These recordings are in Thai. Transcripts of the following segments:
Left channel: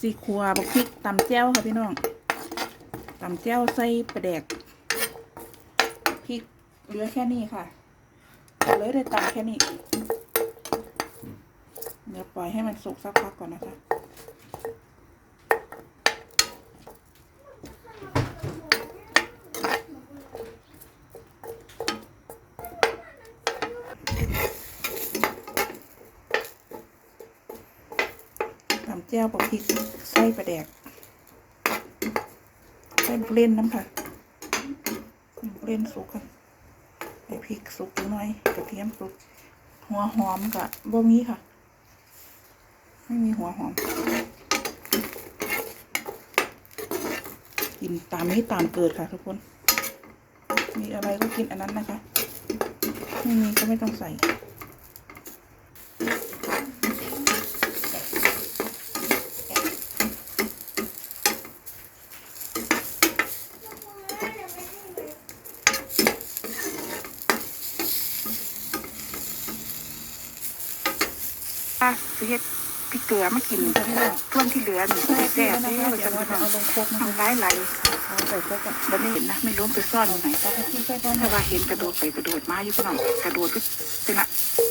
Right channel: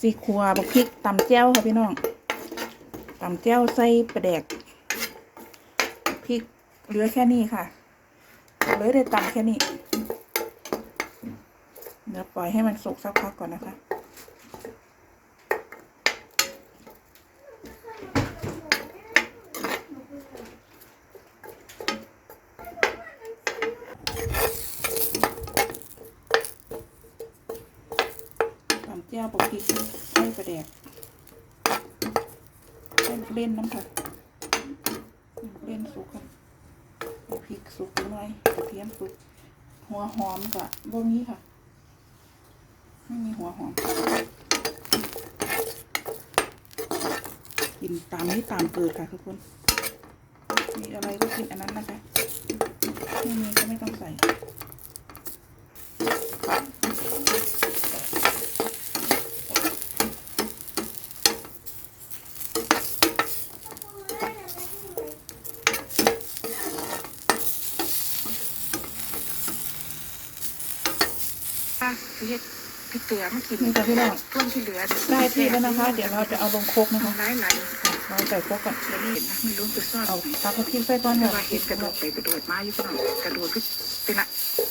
ซีคัวบักพริกตำแจ้วค่ะพี่น้องตำแจ้วใส่ปลาแดกพริกเหลือแค่นี้ค่ะเลยได้ตำแค่นี้เดี๋ยวปล่อยให้มันสุกสักพักก่อนนะคะ แจ้วปลาพริกไส้ปลาแดกไส้เล่นน้ำค่ะเล่นสุกค่ะไอพริกสุกหน่อยกระเทียมสุก หัวหอมกับบ่มีค่ะ ไม่มีหัวหอม กินตามนี้ตามเกิดค่ะทุกคน มีอะไรก็กินอันนั้นนะคะ ไม่มีก็ไม่ต้องใส่ อะสิเฮ็ดพริกเกลือมากินนี่ค่ะพี่น้อง ช่วงที่เหลือนี่ได้ที่แล้วนะคะ เดี๋ยวเราจะเอาลงโคกนะคะทำร้ายไหลเราใส่โคกก่อนบันนี้เห็นนะไม่รู้ไปซ่อนเอาตรงไหนเอาพริกใส่ก่อนแต่ค่ะว่าเห็นกระโดดไปกระโดดมาอยู่พี่น้องกระโดดก็เป็นละ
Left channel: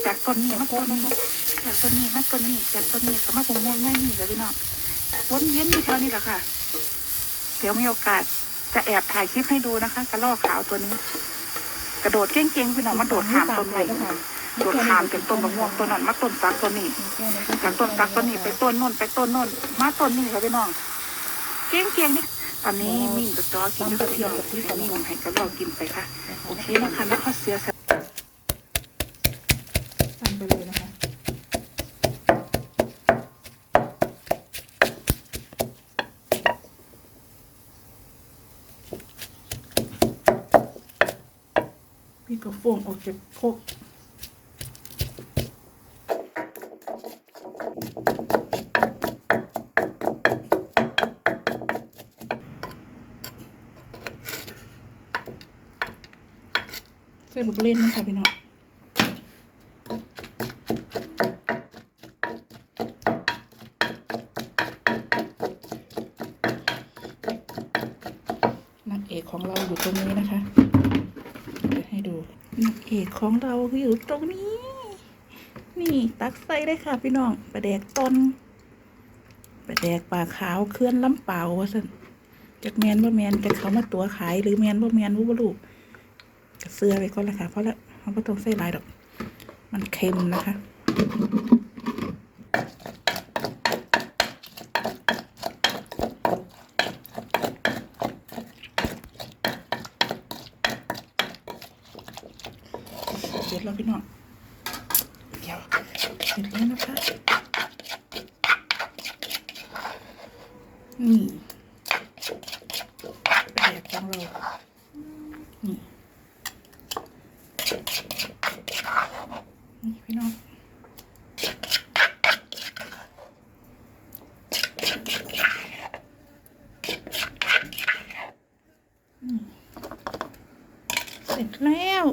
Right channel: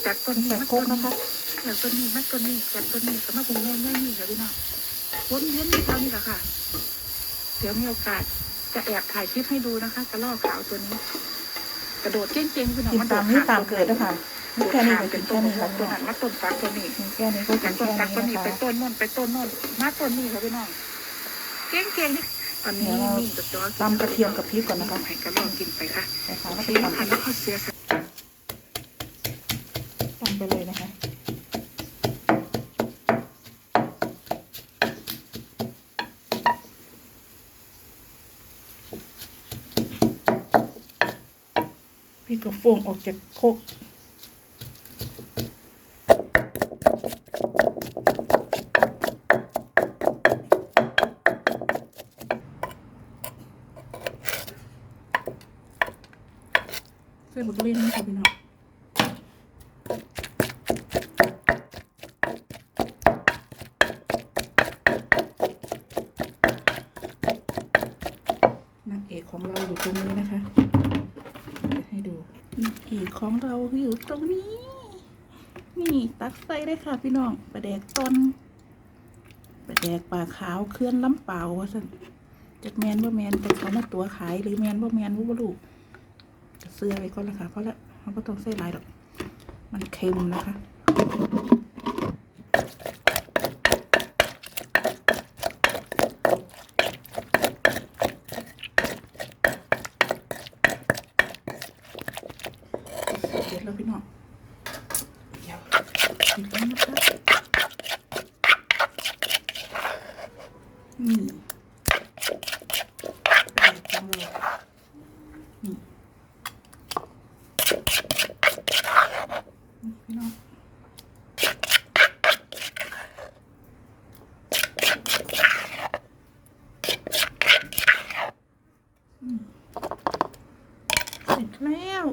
จากต้นนี้ใส่มาโคต้กนนะนี้คะจากต้นนี้มาต้นนี้จากต้นนี้ก็มาตรงนู้นไม่นี่เลยพี่น้องวนเวียนอยู่เท่านี้แหละค่ะ เดี๋ยวมีโอกาสจะแอบถ่ายคลิปให้ดูนะคะกระรอกขาวตัวนี้ กระโดดเก่งๆพี่น้องกินมันโดตาดมนี้ข้ามตามต้นเกิไม้ดแล้วค่ะ โดดแค่นี้ข้ามก็เป็กินนต้แค่นมะนี้ม่วงต้นนั้นมาต้นซักต้นนี้แค่นี้ก็กิจากนต้นแค่ซักต้นนี้นี้นะไปคะต้นโน่นไปต้นโน่นมาต้นนี้ค่ะพี่น้องเก่งเก่งๆนี่ตอนนี้เดี๋ยวเรามิ่งกับจอกินตำกระเทียมกับพริกก่อนนะคะให้กระรอกกินไปค่ะใส่ขาโอแล้วเคก็นะคะแล้วก็เสียสละตำไปเลยนะคะพี่ก็ฟงออกจากโคก ใส่บุกเล่นนะคะพี่น้องนางเอกของเราอยู่ตรงนี้นะคะเดี๋ยวให้ดูนางเอกของเราอยู่ตรงนี้ นี่ตักใส่ได้ค่ะพี่น้องปลาแดกต้นปลาแดกปลาขาวเคลื่อนล้ำเปล่าว่าสันจากแมนว่าแมนจากเขามาตัวขายหรือแมนว่าแมนว่าลูก เสื้อไปก่อนละค่ะเพราะละเขาไม่ต้องใส่ลายดอก มันเค็มนะคะเสร็จแล้วพี่น้องเดี๋ยวเสร็จแล้วนะคะนี่แบบของเรานี่นี่ พี่น้องเสร็จแล้ว